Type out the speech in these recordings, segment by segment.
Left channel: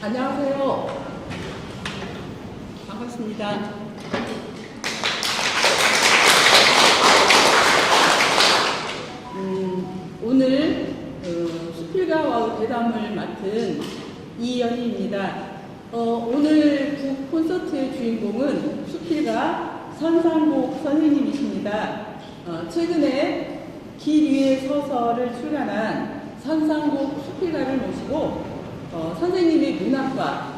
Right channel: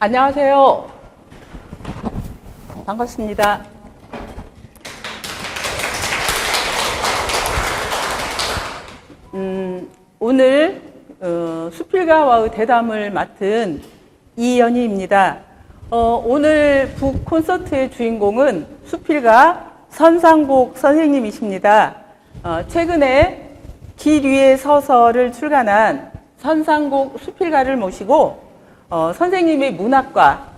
안녕하세요. 반갑습니다. 오늘 수필가와의 대담을 맡은 이연희입니다. 오늘 북 콘서트의 주인공은 수필가 선상복 선생님이십니다. 최근에 길 위에 서서를 출간한 선상복 수필가를 모시고 선생님의 문학과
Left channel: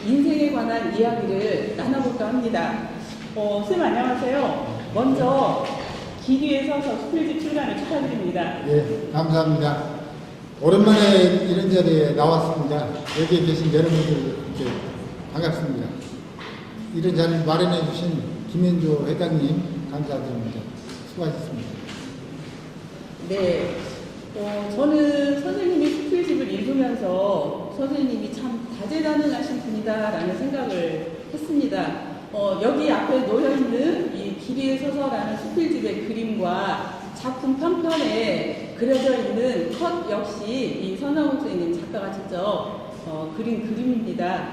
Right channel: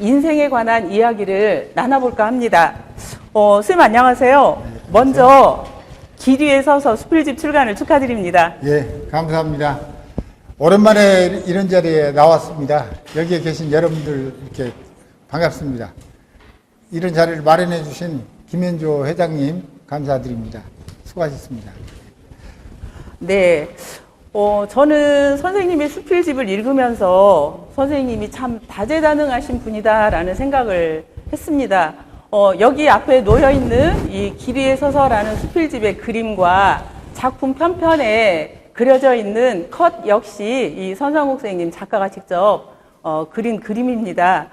인생에 관한 이야기를 나눠볼까 합니다. 선생님 안녕하세요. 먼저 길 위에 서서 수필집 출간을 축하드립니다. 예, 감사합니다. 오랜만에 이런 자리에 나왔습니다. 여기에 계신 여러분들 이렇게 반갑습니다. 이런 자리를 마련해 주신 김현조 회장님 감사드립니다. 수고하셨습니다. 네. 저는 선생님의 수필집을 읽으면서 선생님이 참 다재다능하신 분이다라는 생각을 했습니다. 여기 앞에 놓여있는 이 길 위에 서서라는 수필집의 그림과 작품 편편에 그려져 있는 컷 역시 이 선상복 선생님 작가가 직접 그린 그림입니다.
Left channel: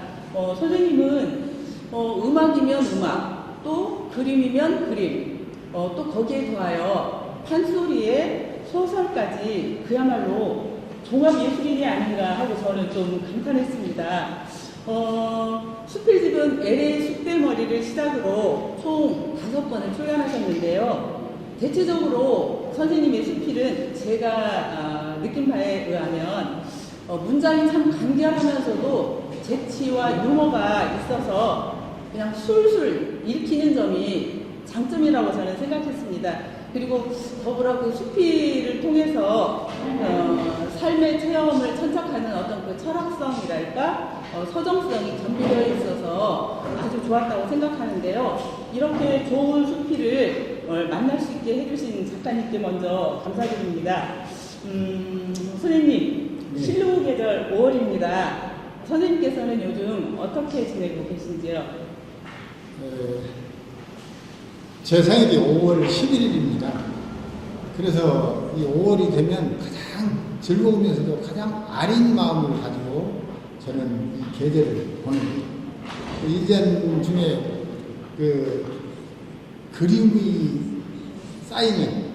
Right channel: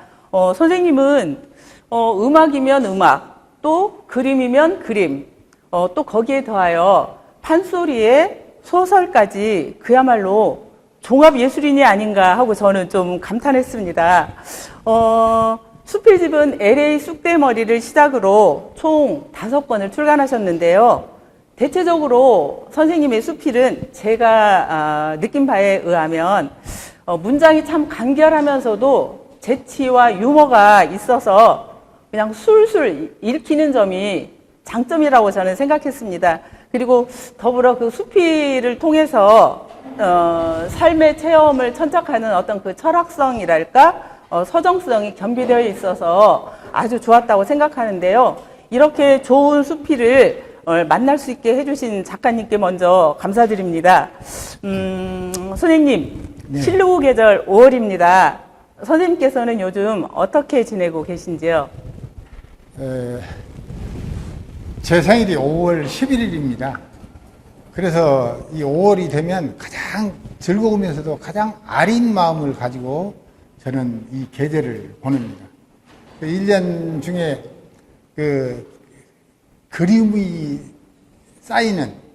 선생님은 음악이면 음악, 또 그림이면 그림, 또 거기에 더하여 판소리에 소설까지 그야말로 종합예술인이 아닌가 하고 저는 좀 감탄했습니다. 수필집은 LA 쑥대머리를 시작으로 총 5권을 출간하셨는데요. 대체적으로 선생님의 수필은 제가 느낀 바에 의하면 문장이 참 간결하면서도 재치와 유머가 있어서 그냥 술술 읽히는 점이 장점이라고 저는 생각했습니다. 그리고 더불어 그 수필을 통해서 삶의 체험을 천착하는 어떤 그 철학성이랄까 서정성이 겸비되어 있어서 아주 좋았다고 생각하는데요. 이렇게 좋은 수필을 만날 수 있게 해주신 작가님께 먼저 감사드립니다. 선생님, 네. 실루 계절 5월입니다. 선생님께서는 요즘 어떻게 지내고 계신지요? 제 생일이 5월 11일입니다. 그래서 이 5월이 되면 가장 즐거우면서도 가장 아린 마음을 가지고 저는 이 계절을 보냅니다. 1년 중에 그 그리움이 쌓이는,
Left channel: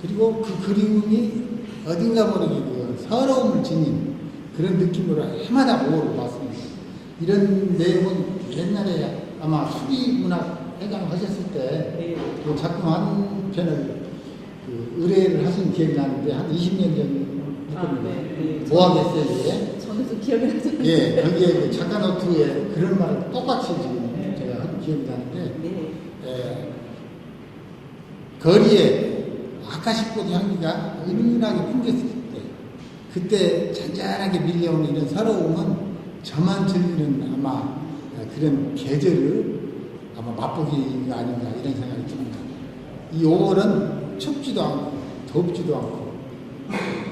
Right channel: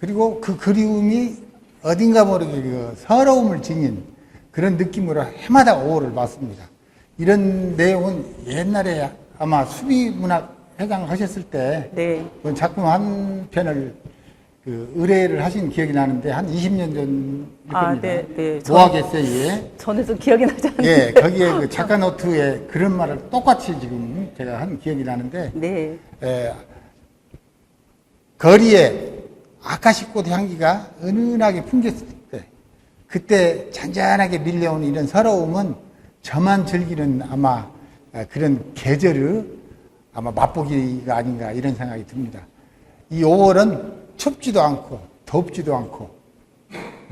그리고 그 그리움이 어딘가 모르게 그 서러움을 지닌 그런 느낌으로 해마다 5월을 맞습니다. 이런 내용은 옛날에 아마 수비문학 회장 하셨을 때 네. 그 작품 한 편을 의뢰를 하신 기억이 나는데 한 20년 전 네. 모학 에세이에 저는 좀 기억이 나지 않는데. 예, 거기에 그 작가 노트에 그런 말을 똑같이 지금 제가 한 기억이 나는데 네. 거리에 아카시꽃 향기가 은은하게 풍겼을 때 그때 잔잔하게 밀려오는 이런 서러움은 저만 즐기는 아마 그런 계절을 아마 맛보기가 아닌가 이런 생각이 듭니다. 이 5월은 춥지도 않고 덥지도 않고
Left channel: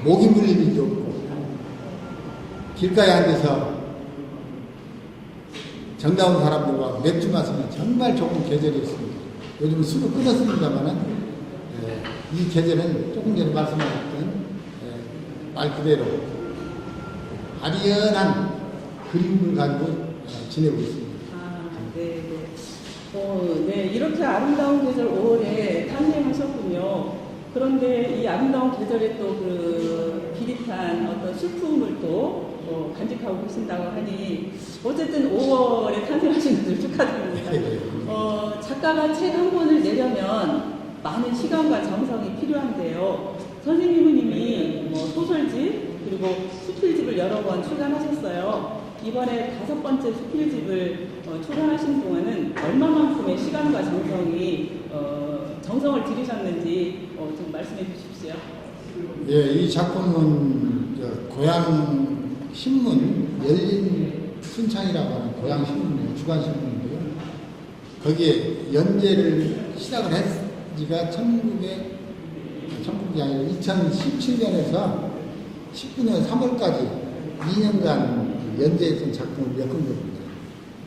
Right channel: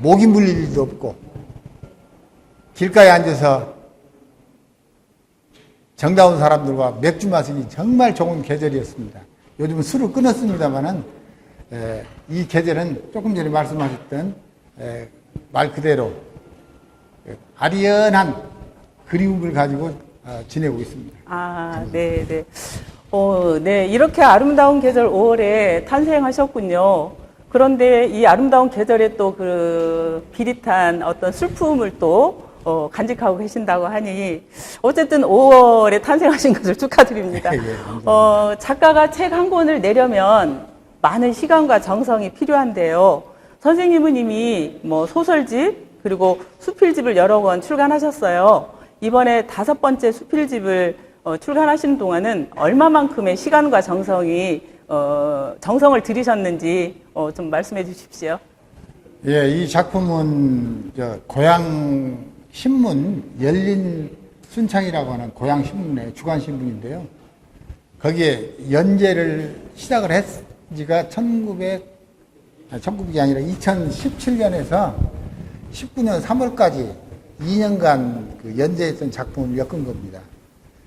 모기 물릴 일도 없고 길가에 앉아서 정다운 사람들과 맥주 마시기 정말 좋은 계절이었습니다. 요즘은 술을 끊었습니다만은 이 계절은 조금 전에 말씀하셨던 말 그대로 아리연한 그리움을 가지고 지내고 있습니다. 네. 네, 이렇게 아름다운 계절 5월에 탄생하셨군요. 그런데 이 아름다운 계절에 또 그 비릿한 어떤 슬픔을 또 간직하고 계신다고 하니 어쨌든 5월에 탄생하신 것을 축하드립니다. 작가가 책 한 권을 내려면 많은 시간과 정성이 필요한데요. 선생님은 이미 뭐 소설집 그리고 수필집을 여러 권 출간하셨어요. 이번에 5번째 수필집을 출간하시는 동안은 얼마만큼의 시간과 정성을 들이셨는지 좀 말씀해 주십시오. 예, 이 작품은 고향 신문 열린 순창이라고 하는 고향 신문의 주간 신문인데요. 거기에 연재를 시작을 했 지가 1900이 아니라 2017년에서 19년 3월까지 2년간 연재했던 작품을 엮은 겁니다.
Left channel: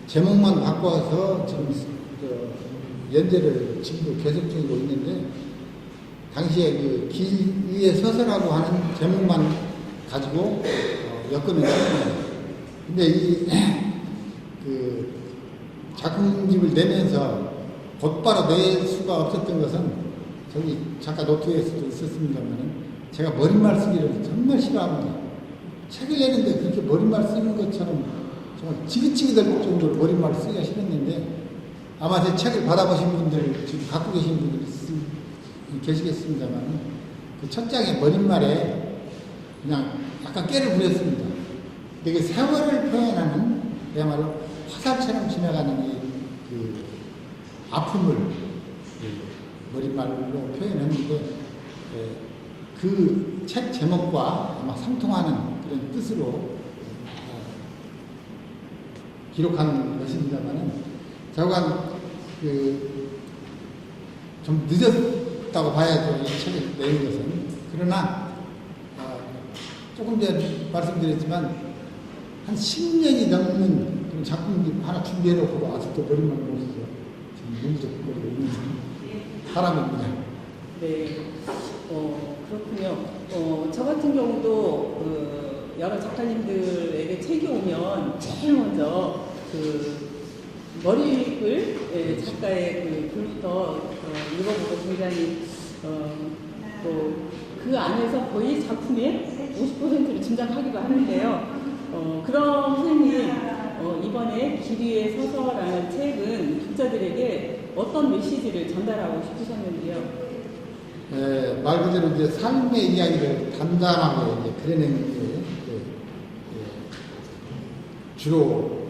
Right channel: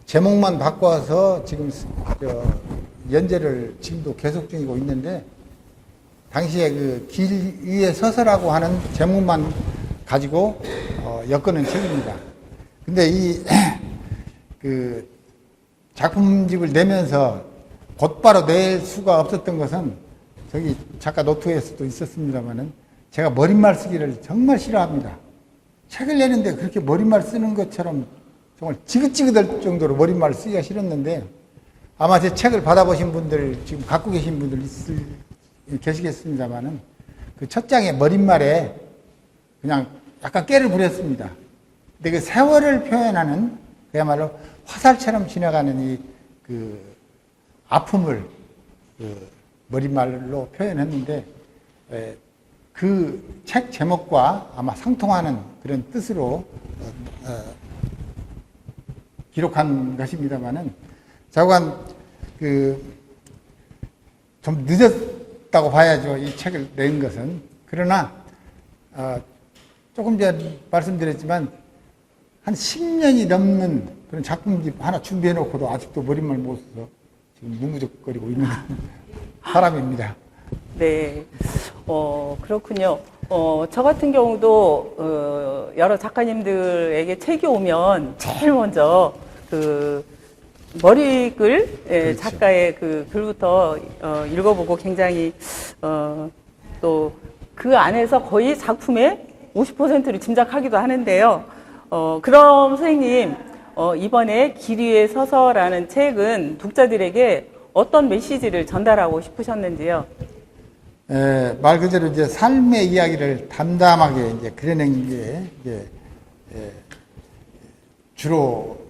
제목만 바꿔서 지금 연재를 지금도 계속 중이고 있는데 당시에 그 길 위에 서서라고 하는 제목만 가지고 엮어낸 책입니다. 근데 이 그 작품집을 내면서 곧바로 낼 수가 없었던 것은 저기 작가 노트에서도 있었습니다만은 제가 머릿말 쓰기를 정말 싫어합니다. 책을 내는데 그렇게 머릿말 쓰는 것처럼 정말 지긋지긋할 정도로 머릿말 쓰기가 싫었는데 아마 제 책을 받아보신 분들 지금 갖고 계신 분들 계시겠습니다만은 그 첫 장의 머릿말에 그냥 약간 깨를 부렸습니다. 근데 그 세월을 표현하는 그야말로 화살처럼 지나가는 이 그 아픔을 머릿말로 표현했는데 그 책 제목과 아마 상통하는 그런 뜻으로 기록한 것입니다만은 자관 좀 늦었다고 봐야죠. 이 책을 낸 것은. 그러나 조금 전에 말씀드렸지만 한 10년이 넘는 그런 작품집 하나 준비해놓고도 아직도 머릿말 못 써서 지금 무무적거리고 있는 사람입니다. 네, 그렇군요. 저 같은 경우도 여러 작가님들에게 책이 오면 제일 먼저 그 머리글 작가의 그 글부터 읽어보고 굉장히 또 그 안에서 거의 작품의 50%를 짐작하기도 하는데요. 그럼 선생님, 이번에 길 위에 서서라는 책은 독자들에게 어떤 메시지를 전달하고 싶으셨는지요? 말 그대로 이제 삶의 이야기를 담담하게 이제 그려낸 게 주로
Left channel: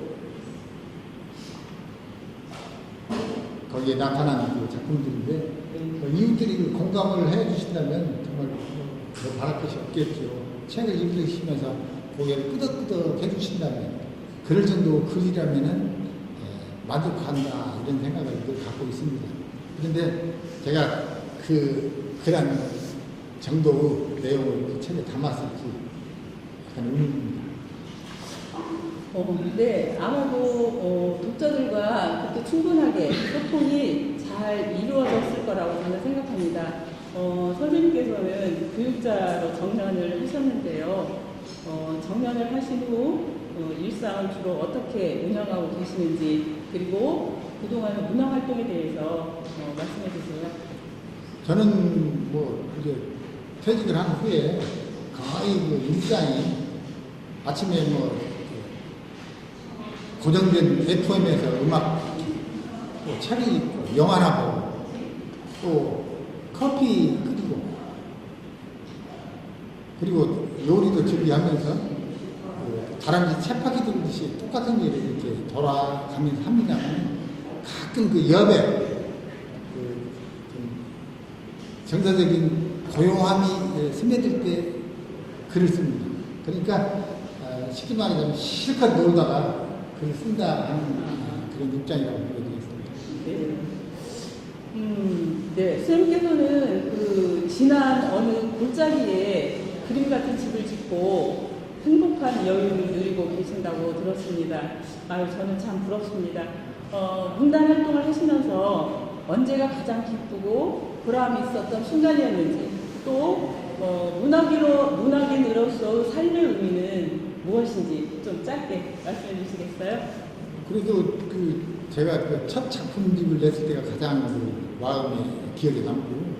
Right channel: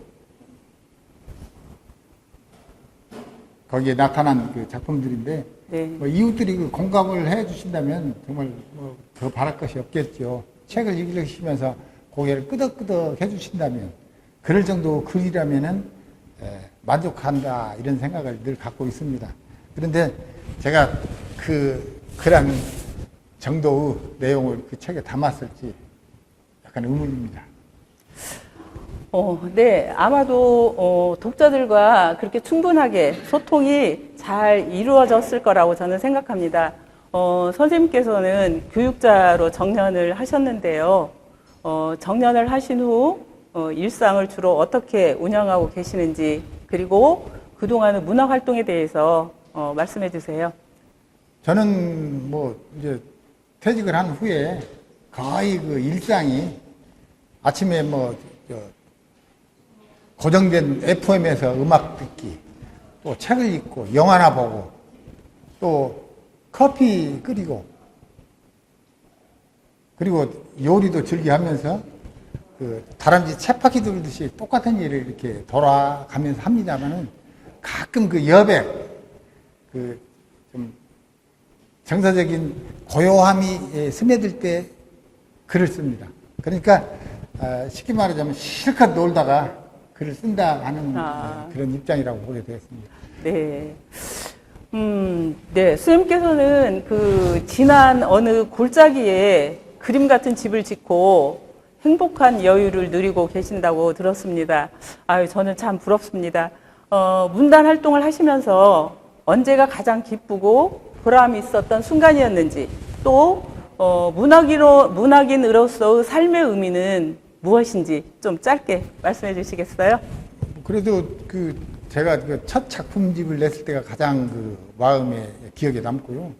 거기에 나타난 그 작품들인데 네. 이웃들이 그 공감을 해주신다면 정말 더 바랄 것이 없겠죠. 책을 읽으시면서 고개를 끄덕끄덕 해주신다면 그럴 정도 글이라면은 만족한다 이런 생각을 늘 갖고 있습니다. 그런데 제가 그 글한 정도의 내용을 그 책에 담았을지 약간 의문입니다. 네, 아마도 독자들과 그렇게 충분하게 소통이 잘 이루어졌을 거라고 저는 생각합니다. 선생님께서는 교육자로 정년을 하셨는데요. 정년을 하신 후 일상을 주로 어떻게 운영하고 계시는지, 그리고 그동안의 문화 활동에 대해서 말씀해 주세요. 저는 뭐 이제 퇴직을 한 후에 거의 그 일상이 아침에 뭐 고정된 FM에서 음악 듣기, 또 책을 읽고 영화나 보고, 또 커피 끓이고, 그리고 요리도 즐겨하면서 그 다람쥐 쳇바퀴 돌듯이 똑같은 일을 이렇게 돌아가면서 합니다만은 가끔 그 여백, 정서적인 고요함이 스며들 때 글을 씁니다. 그러니까 쉽게 말하자면 실컷 놀다가 글을 쓴다 하는 그런 입장이라고 보게 되었습니다. 네. 네. 선생님께서는 그 지난 어느 골짜기에 그림 같은 집을 짓고 행복한 여유를 누리고 계신다고 들었습니다. 아유, 저는 참 부럽습니다. 문단 활동을 하시면서 언제가 가장 기쁘고 보람이 있었던 순간이었는지, 또 문학인으로서의 삶의 의미는 무엇인지 좀 짧게 말씀해 주시겠어요? 그래도 제가 그 첫 작품집을 냈을 때가 가장 그 마음에 기억에 남고요.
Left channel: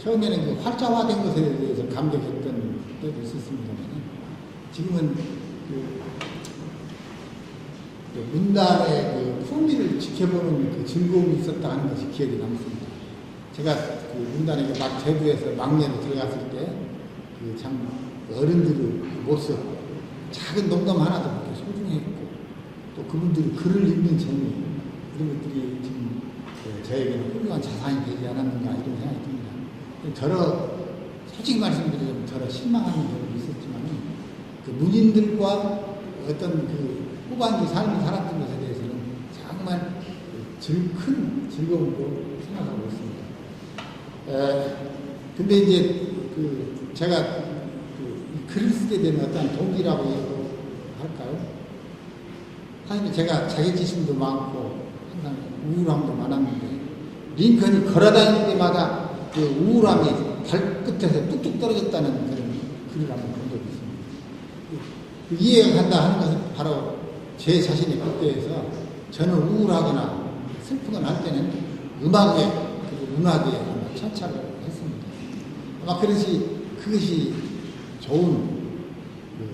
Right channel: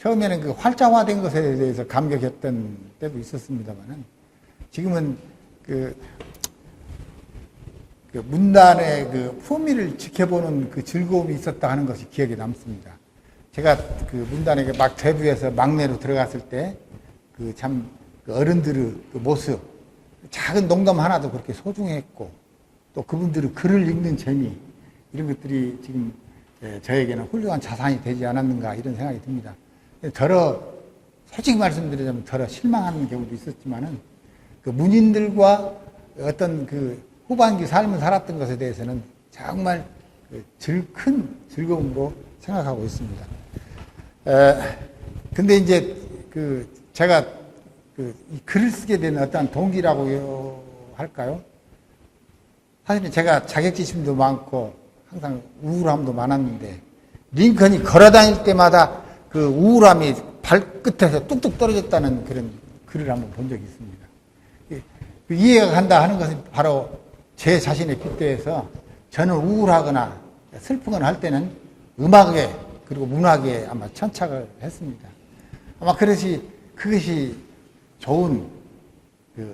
처음에는 그 활자화된 것에 대해서 감격했던 때도 있었습니다만, 지금은 그 문단의 그 품위를 지켜보는 그 즐거움이 있었다 하는 것이 기억에 남습니다. 제가 그 문단에게 막 데뷔해서 막내로 들어갔을 때 그 참 어른들의 그 모습, 작은 농담 하나도 그렇게 소중했고, 또 그분들의 글을 읽는 재미, 이런 것들이 지금 저에게는 훌륭한 자산이 되지 않았는가 이런 생각이 듭니다. 솔직히 말씀드리자면 실망하는 경우도 있었지만은 그 문인들과 어떤 그 후반기 삶을 살았던 것에 대해서는 정말 큰 즐거움으로 생각하고 있습니다. 근데 이제 제가 글을 쓰게 된 어떤 동기라고 할까요? 사실 제가 자격지심도 많고 항상 우울함도 많았는데, 링컨이 걸어다닐 때마다 그 우울함이 발끝에서 뚝뚝 떨어졌다는 그런 글을 한번 본 적이 있습니다. 그 이해가 간다 하는 것은 바로 제 자신의 잣대에서 저는 우울하거나 슬프거나 할 때는 음악에 그리고 문학에 아마 천착을 했습니다. 아마 그것이 좋은 그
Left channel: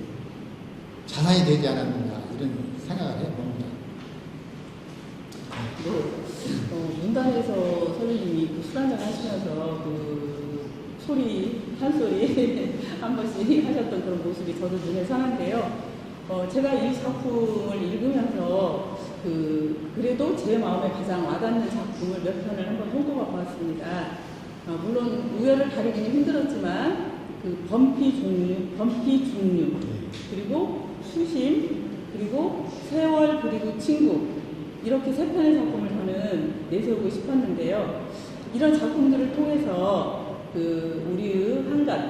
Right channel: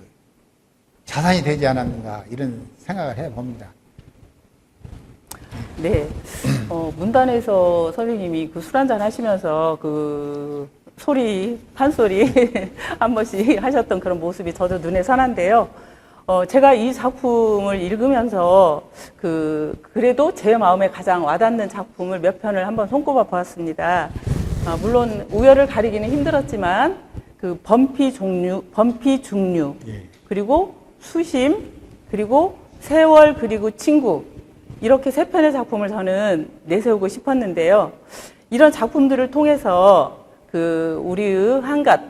자산이 되지 않았는가 이런 생각을 해봅니다. 네. 문단에서 선생님이 그 술 한잔 하시면서 그 판소리 한 번씩 하셨던 그런 모습이 저도 눈에 선한데요. 제가 이 작품을 읽으면서 그래도 제 마음에 가장 와닿는 작품을 몇 편을 한번 손꼽아 보았습니다. 물론 우열을 가리기는 힘들었지만 그 범피 중류, 그리고 수심, 그리고 세월, 그리고 친구, 이렇게 세 편의 작품을 저는 내세우고 싶었는데요. 이런 작품들을 통해서 우리의 한갓,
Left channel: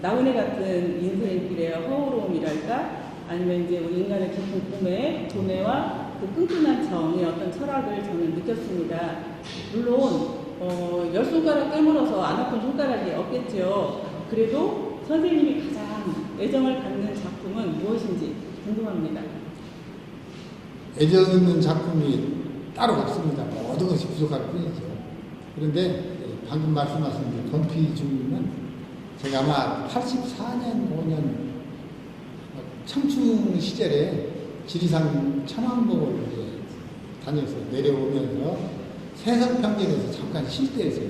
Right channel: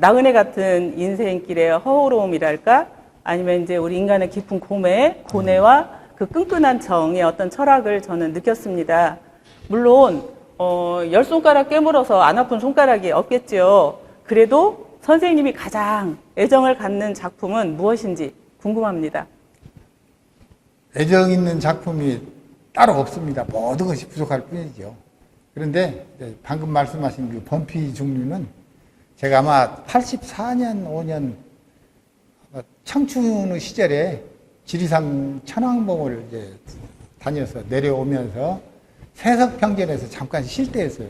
나그네 같은 인생길의 허우로움이랄까, 아니면 이제 우리 인간의 깊은 고뇌와 그 끈끈한 정의 어떤 철학을 저는 느꼈습니다. 물론, 10손가락 깨물어서 안 아픈 손가락이 없겠죠. 그래도 선생님이 가장 애정을 갖는 작품은 무엇인지 궁금합니다. 애정 있는 작품이 따로 없습니다. 모든 것이 부족할 뿐이죠. 그런데 방금 말씀하신 그 범피 중류는 제가 아마 84년, 5년 청춘 시절에 지리산 천왕봉을 이제 다녀서 내려오면서 세석평전에서 잠깐 쉴 때였어요.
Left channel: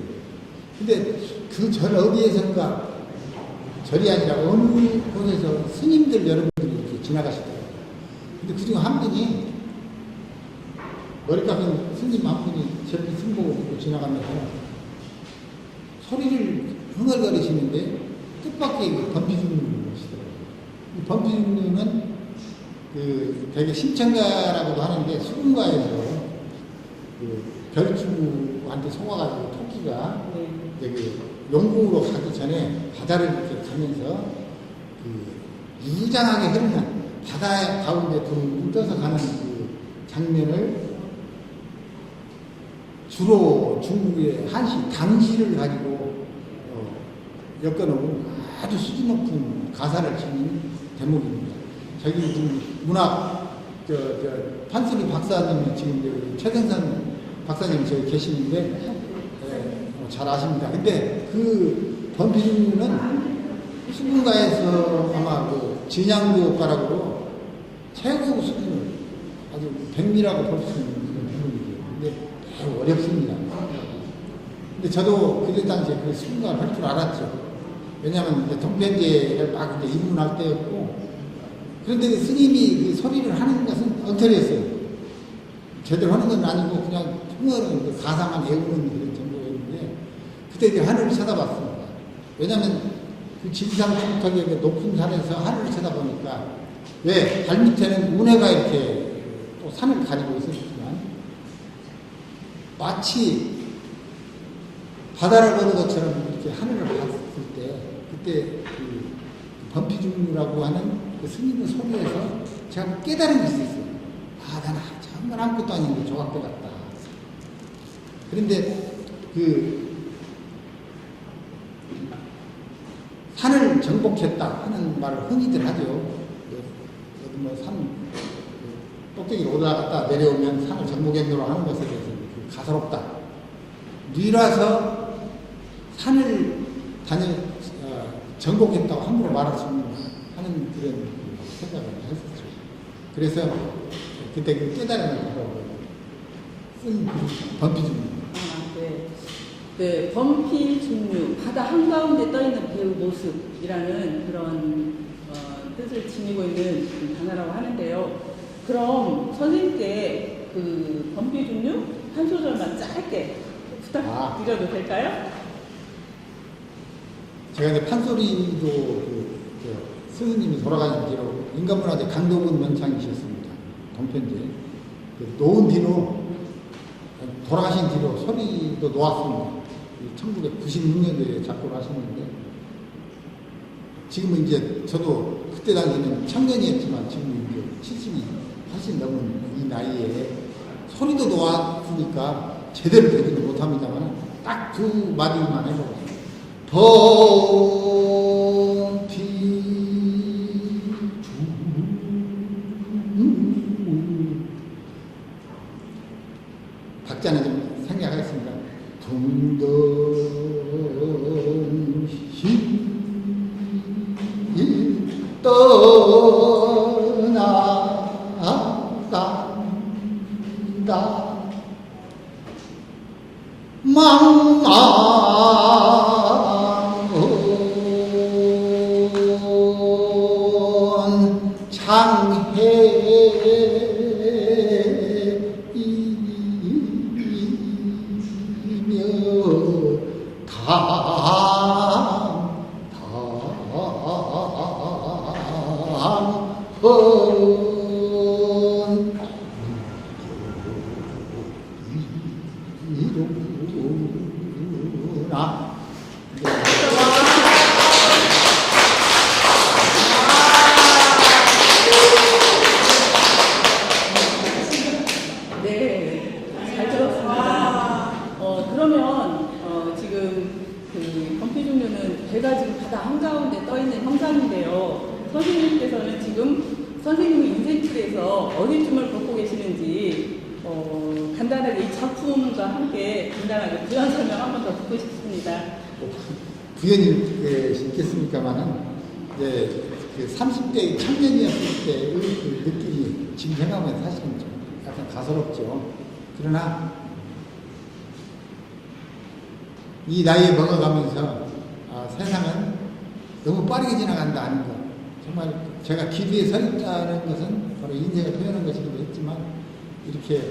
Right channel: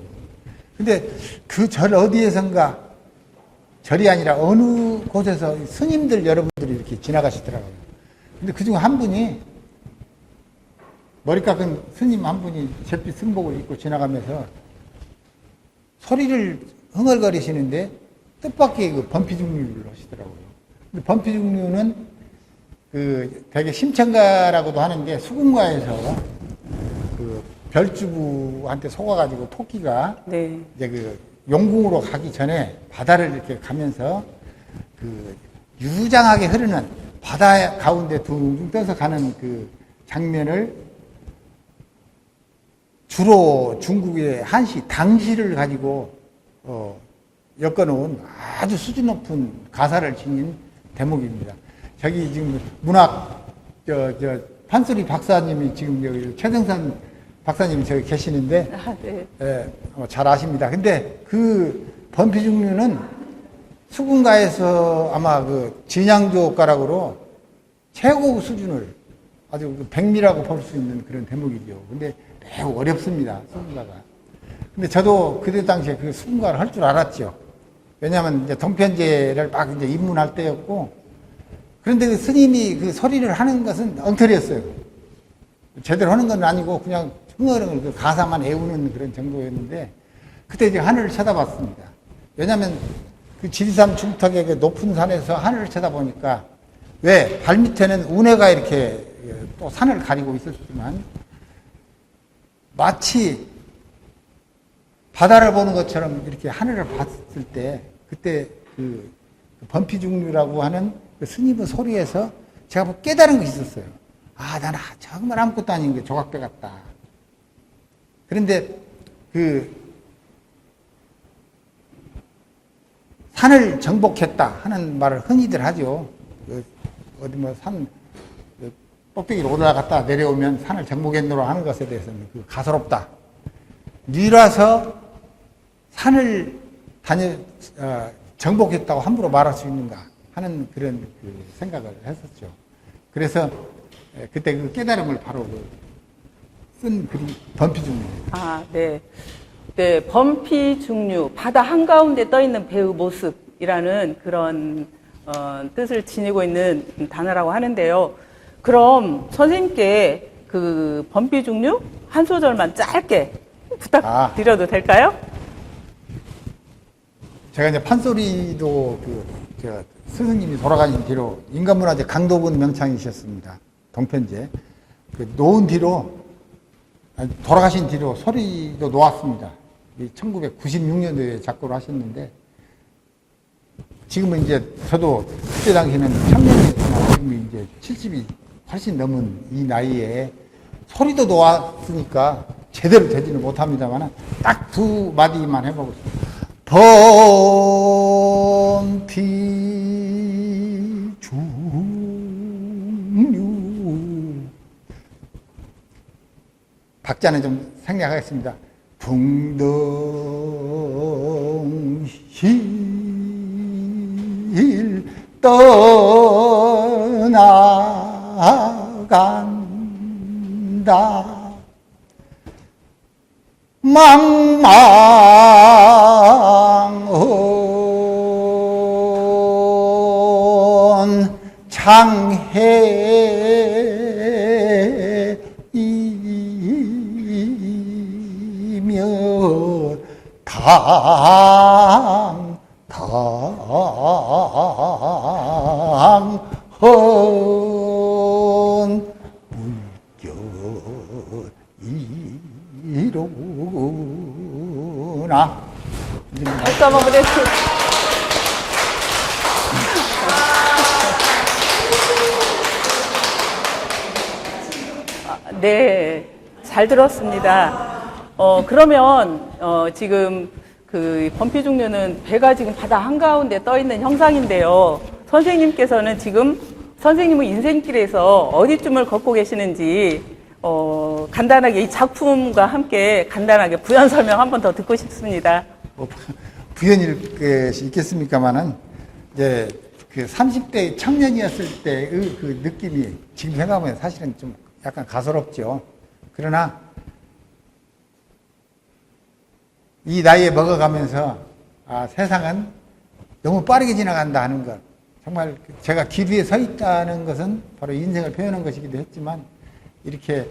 근데 그 절 어디에선가 절이 아니라 어느 곳에서 스님들 여러분들이 이렇게 지나가시더라고요. 근데 그중 한 분이 머리 깎은 스님 한 분이 잿빛 승복을 입고 지나가면서 소리를 흥얼거리시는데 뜻밖의 그 범피중류를 부르시더라고요. 범피중류는 되게 심청가라고도 하는데 수군가에서 그 별주부한테 속아가지고 토끼가 네. 이제 그 용궁으로 가기 전에 바다를 이렇게 가면서 그 유장하게 흐르는 바다 가운데 둥 떠서 가는 그 장면을 주로 중국의 한시, 당시를 가지고 엮어놓은 아주 수준 높은 가사를 지닌 대목입니다. 저기 지금 문학 판소리 박사님이 지금 여기 최정선 박사님이 저기 계시는데 잘 아십니다. 근데 그 범피중류는 수군가에서 아마 그 진양조가락으로 최고 수준을 아주 백미라고 볼 수 있는 그런 대목이죠. 근데 매우 어렵습니다. 수군가가. 근데 저도 그때 당시에 그 수군가를 할 줄 알았죠. 왜냐하면 이제 동편제를 막 이제 입문할 때였고, 그런데 그 스님이 그 소리를 하는 것은 엉터리였어요. 제대로 하는 건 아니고 그냥 흥얼흥얼 가사만 애우는 그런 정도였는데, 그때 이제 하늘을 쳐다봤습니다. 왜냐하면 그 지리산 중턱의 그 높은 산에서 하늘을 쳐다보니까 왜 발밑에는 운해가 이렇게 또 산을 가리고 있었지만 마치 바다를 보는 것처럼 이렇게 하늘을 봤을 때 그때 그 범피중류라고 하는 그 스님의 소리에서 제가 깨달은 것이 있었어요. 아, 나는 정말 아무것도 아닌 게 조각배 같다. 그런데 그 산을 정복했다 하는 말을 흔히들 하죠. 어디 뭐 산 꼭대기로 올라갔다 내려오면 산을 정복했노라 하는 것에 대해서는 가소롭다. 니라서 산을 정복했다고 함부로 말할 수 있는가 하는 그런 생각을 했었죠. 그래서 그때 그 깨달음을 바로 쓴 범피중류. 아, 네. 네, 범피중류, 바다 한가운데 떠있는 배의 모습이라는 그런 뜻을 지니고 있는 단어라고 하는데요. 그럼 선생님께 그 범피중류 한 소절만 짧게 부탁드려도 될까요? 제가 이제 판소리도 스승님이 돌아가신 뒤로 인간문화재 강도군 명창이셨습니다. 동편제. 그 놓은 뒤로, 돌아가신 뒤로 소리도 놓았습니다. 1996년도에 작곡을 하셨는데, 지금은 이제 저도 그때 당시에는 청년이니까 지금 이제 70이 훨씬 넘은 이 나이에 소리도 놓았으니까 제대로 되지는 못합니다만 딱 두 마디만 해보고 싶습니다. 범피 중 박자는 좀 생략하겠습니다. 풍덩실 떠나간다 망망온 장해이며 당당헌 이루나 박수 한번 보내주세요. 네, 잘 들었습니다. 그러면 지금 그 범피중류는 배가 지금 바다 한가운데 떠 있는 형상인데요. 선생님께서는 지금 선생님의 인생길에서 어디쯤을 걷고 계시는지 간단하게 이 작품과 함께 간단하게 부연 설명 한 번 더 듣고 싶습니다. 부연일 게 있겠습니까마는 이제 그 30대 청년이었을 때의 그 느낌이 지금 생각하면 사실은 좀 약간 가소롭죠. 그러나 이 나이에 먹어가면서 세상은 너무 빠르게 지나간다 하는 것, 정말 제가 길 위에 서 있다는 것은 바로 인생을 표현한 것이기도 했지만 이렇게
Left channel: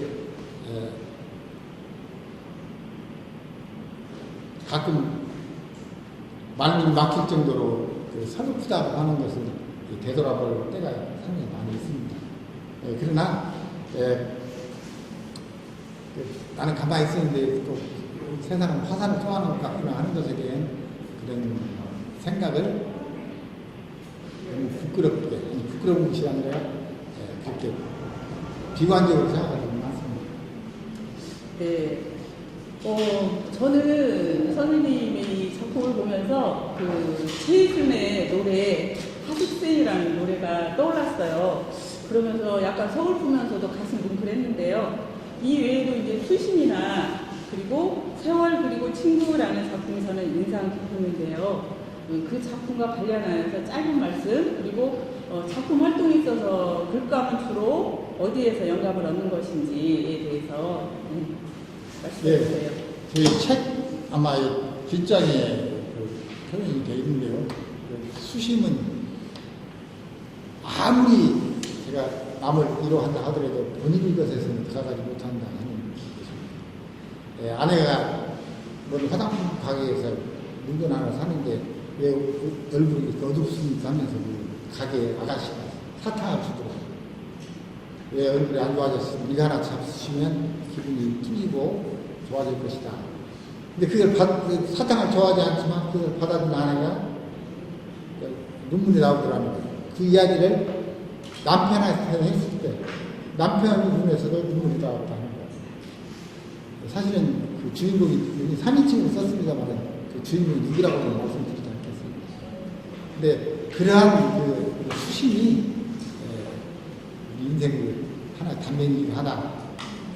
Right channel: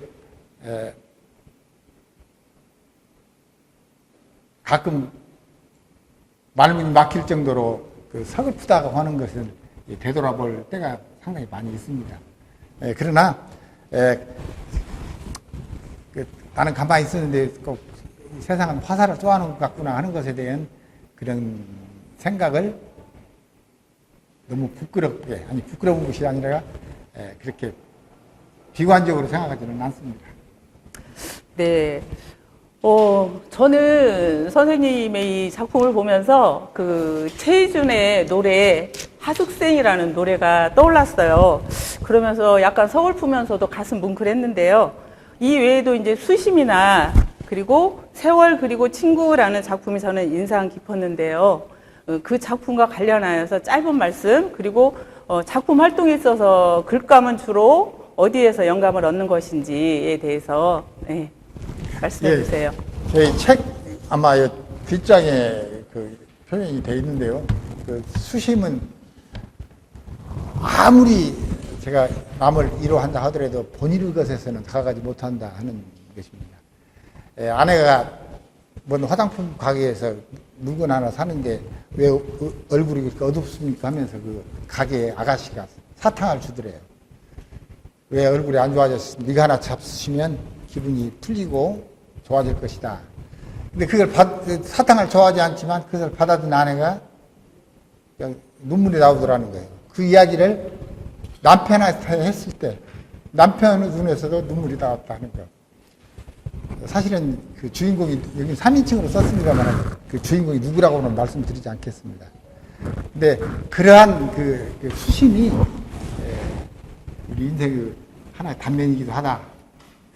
가끔 말문이 막힐 정도로 그 서글프다고 하는 것을 되돌아볼 때가 상당히 많이 있습니다. 그러나 나는 가만히 있었는데 꼭 세상은 화살을 쏘아놓은 것 같구나 하는 것에 대한 그런 생각을 너무 부끄럽게, 아니 부끄러운 것이 아니라 그렇게 비관적으로 생각하지 않습니다. 네. 저는 선생님의 이 작품을 보면서 그 최희준의 노래 하숙생이라는 노래가 떠올랐어요. 그러면서 약간 서글프면서도 가슴 뭉클했는데요. 이 외에도 이제 수심이나 그리고 세월 그리고 친구라는 작품이 저는 인상 깊었는데요. 그 작품과 관련하여서 짧은 말씀 그리고 작품 활동에 있어서 글감은 주로 어디에서 영감을 얻는 것인지에 대해서 말씀해 주세요. 저희 책 아마 뒷장에 그 표현이 되어 있는데요. 그 수심은 아무리 제가 남을 위로한다 하더라도 본인의 것에서는 다가가지 못한다 하는 것입니다. 아내가 뭔 화장품 가게에서 물건 하나 사는데 왜 얼굴이 이렇게 어둡습니까 하면서 그 가게 아가씨가 사탕을 주더래요. 왜 얼굴이 안 좋아졌어? 네가 하나 잡수시면 기분이 풀리고 좋아질 것이다. 근데 그걸 사탕을 좋아하지 않지만 그걸 받아든 아내가 눈물이 나오더라는 거예요. 그 이야기를 남편한테 했을 때 남편 눈에서도 눈물이 나왔다는 거예요. 사실은 그 주인공이 여기 3인칭으로 썼습니다만 그 주인공이 누구라고는 말씀드리지 않겠습니다. 근데 그러한 그 수심이 우리 인생의 하나의 단면이기도 하다.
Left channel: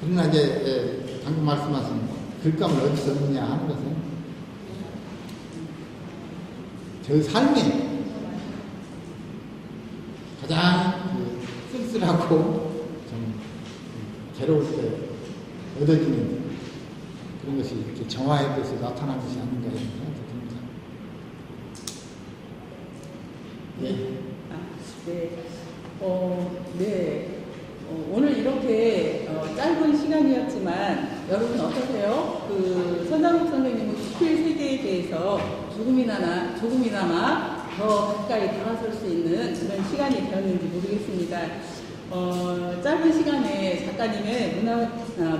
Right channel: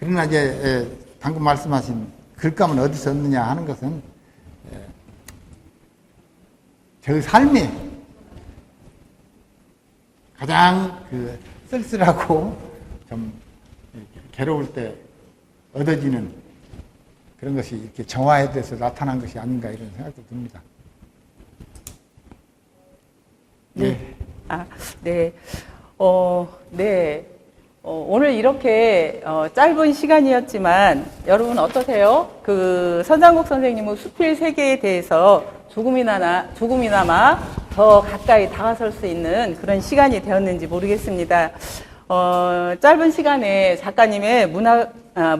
그러나 이제 방금 말씀하신 글감은 어디서 얻느냐 하는 것은 저의 삶에 가장 쓸쓸하고 좀 괴로울 때 얻어지는 그런 것이 이렇게 정화에 대해서 나타난 것이 아닌가 이런 생각이 듭니다. 네. 네. 오늘 이렇게 짧은 시간이었지만 여러분 어떠세요? 그 선장국 선생님의 수필 세계에 대해서 조금이나마 더 가까이 다가설 수 있는 그런 시간이 되었는지 모르겠습니다. 짧은 시간에 작가님의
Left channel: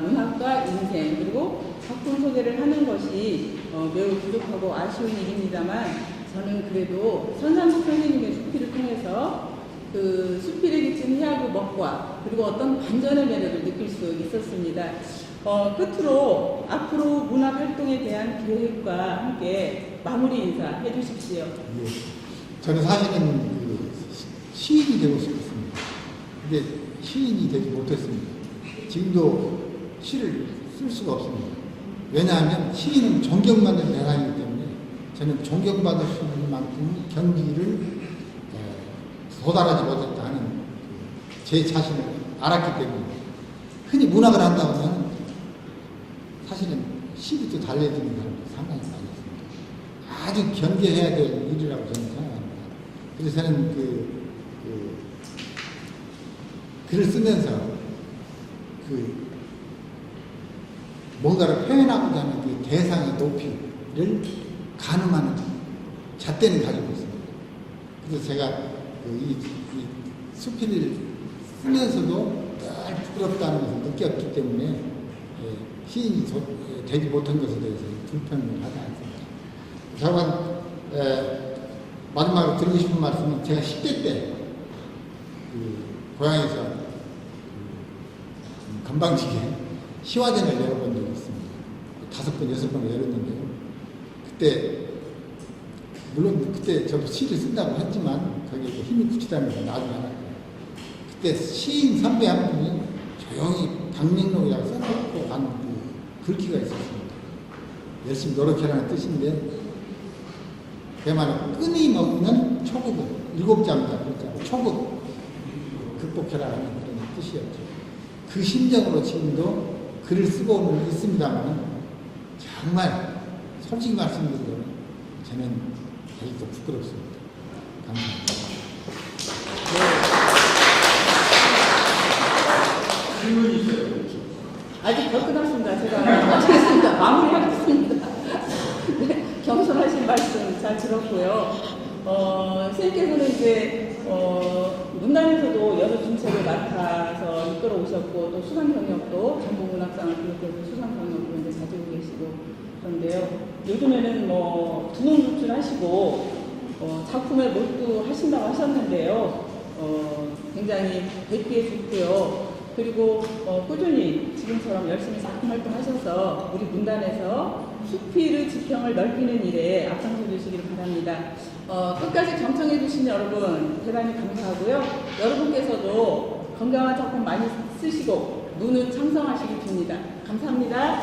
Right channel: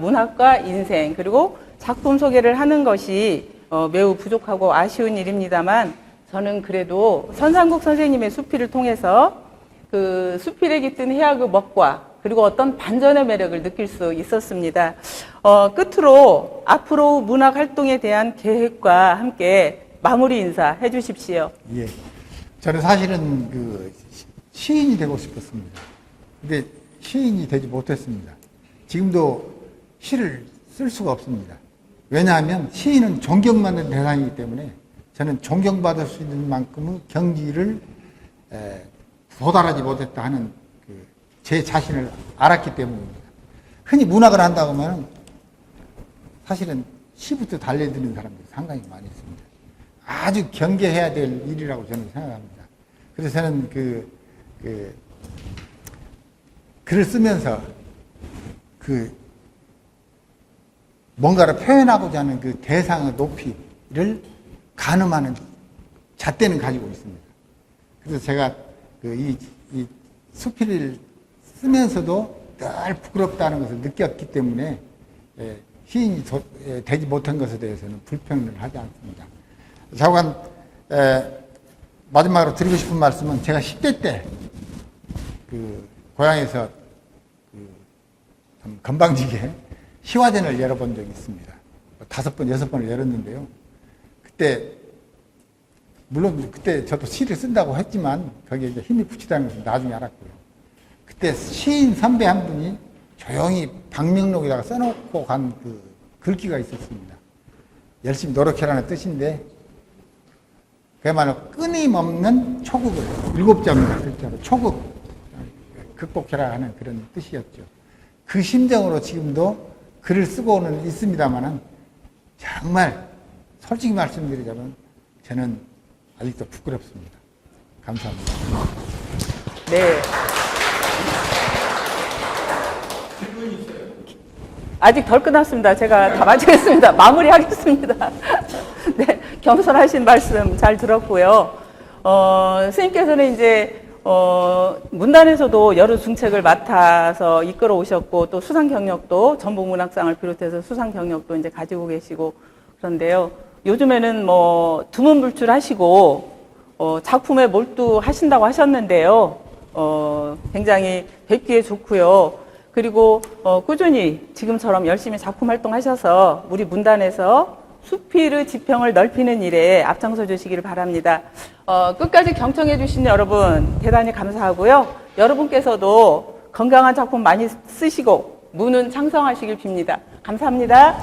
문학과 인생 그리고 작품 소개를 하는 것이 매우 부족하고 아쉬운 일입니다만 저는 그래도 선상국 선생님의 수필을 통해서 그 수필에 깃든 해학의 멋과 그리고 어떤 반전의 매력을 느낄 수 있었습니다. 끝으로 앞으로 문학 활동에 대한 계획과 함께 마무리 인사 해주십시오. 예. 저는 사실은 그 시인이 되고 싶었습니다. 근데 시인이 되지 못했습니다. 지금도 시를 쓸 수가 없습니다. 왜냐하면 시인은 존경받는 대상이기 때문에 저는 존경받을 수 있는 만큼은 경지를 도달하지 못했다 하는 제 자신을 알았기 때문입니다. 흔히 문학을 한다고 하면 사실은 시부터 달려드는 사람들이 상당히 많이 있습니다. 아주 경계해야 될 일이라고 저는 생각합니다. 그래서 저는 글을 쓰면서 뭔가를 표현하고자 하는 그 대상의 높이를 가늠하는 잣대는 가지고 있습니다. 그래서 제가 이 수필을 쓰면서도 늘 부끄럽다는 것을 느꼈기 때문에 시인이 되지 못한 것에 대해서는 불평을 하지 않습니다. 좌우간 마지막으로 드리고 싶은 말씀은 제가 10대 때 고향에서 건방지게 시화전을 열어본 적이 있습니다. 5번, 6번을 열었는데요. 물론 그때 저도 시를 쓴다고 했지만 거기에 이제 힘이 붙이다는 것을 나중에 알았고요. 그때 시인 선배 한 분이 조용히 방명록에다가 써놓고 간 글귀가 있었습니다. 열심히 노력해라는 뜻인데 그야말로 끊임없는 초급을 7자입니다. 글자로 초급 극복해라 하는 그런 뜻이었죠. 그 심정으로 지금도 글을 쓰고는 있습니다만 정말 솔직히 말씀드리자면 저는 아직도 부끄럽습니다. 감사합니다. 네. 아직 덜 끝났습니다. 제가 다 마치겠습니다. 마무리하겠습니다. 네, 겸손하신 말씀 잘 들었고요. 스님께서는 이제 문단에서도 여러 중책을 맡아서 이끌어 오셨고 또 수상 경력도 전북문학상을 비롯해서 수상 경력도 이제 가지고 계시고 그런데요. 요즘에는 뭐 두문불출하시고 작품에 몰두하신다고 하셨는데요. 굉장히 뵙기에 좋고요. 그리고 꾸준히 지금처럼 열심히 작품 활동하셔서 우리 문단에서 수필의 지평을 넓히는 일에 앞장서 주시기를 바랍니다. 끝까지 경청해 주신 여러분 대단히 감사하고요. 여러분께서도 건강한 작품 많이 쓰시고 문은 창성하시길 빕니다. 감사합니다.